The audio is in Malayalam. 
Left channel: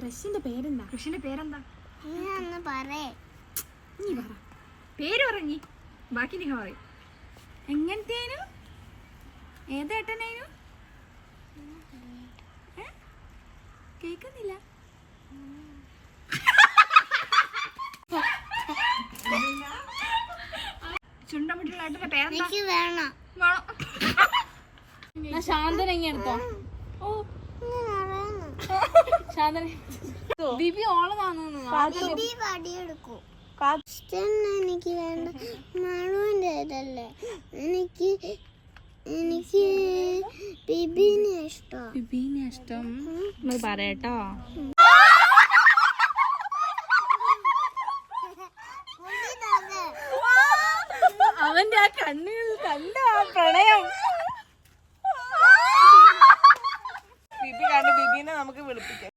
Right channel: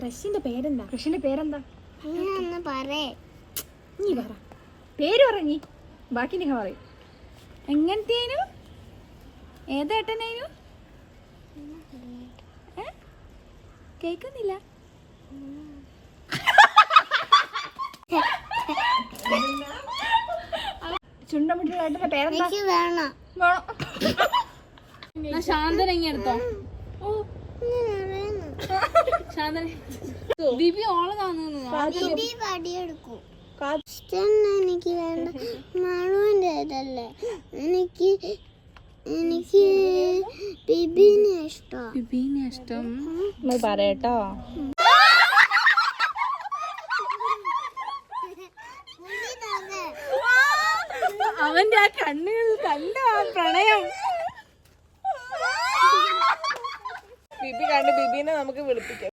ക്രഷിന്റെ പേരെന്താ? കൃഷിന്റെ പേരെന്താ? നീ പറ. പേര് പറഞ്ഞി, ബാക്കി നിങ്ങൾ പറയും. എങ്ങനത്തേനു? ഏതേട്ടനേനു? കേക്കുന്നില്ല. ചുണ്ടമുട്ടിയുള്ള ഏട്ടന്റെ പേരെന്താ? വേണം. ശാന്തന ഇങ്ങനെ എടുത്തോ. ശാന്തന ബിബി ഓളെ കാണുന്നു. എനിക്ക് വേണ്ട, മണുവിന്റെ ഇതല്ലേ. എനിക്ക് ബിബിനെ ഇഷ്ടം. ബിബീനെ ഇഷ്ടം പറയട്ടോ. അവന്റെ ആ കണ്ണുകൾ കണ്ട പ്രണയം. ബിബി കണ്ട് ബിബിനെ നമുക്ക് വിളിപ്പിക്കാം.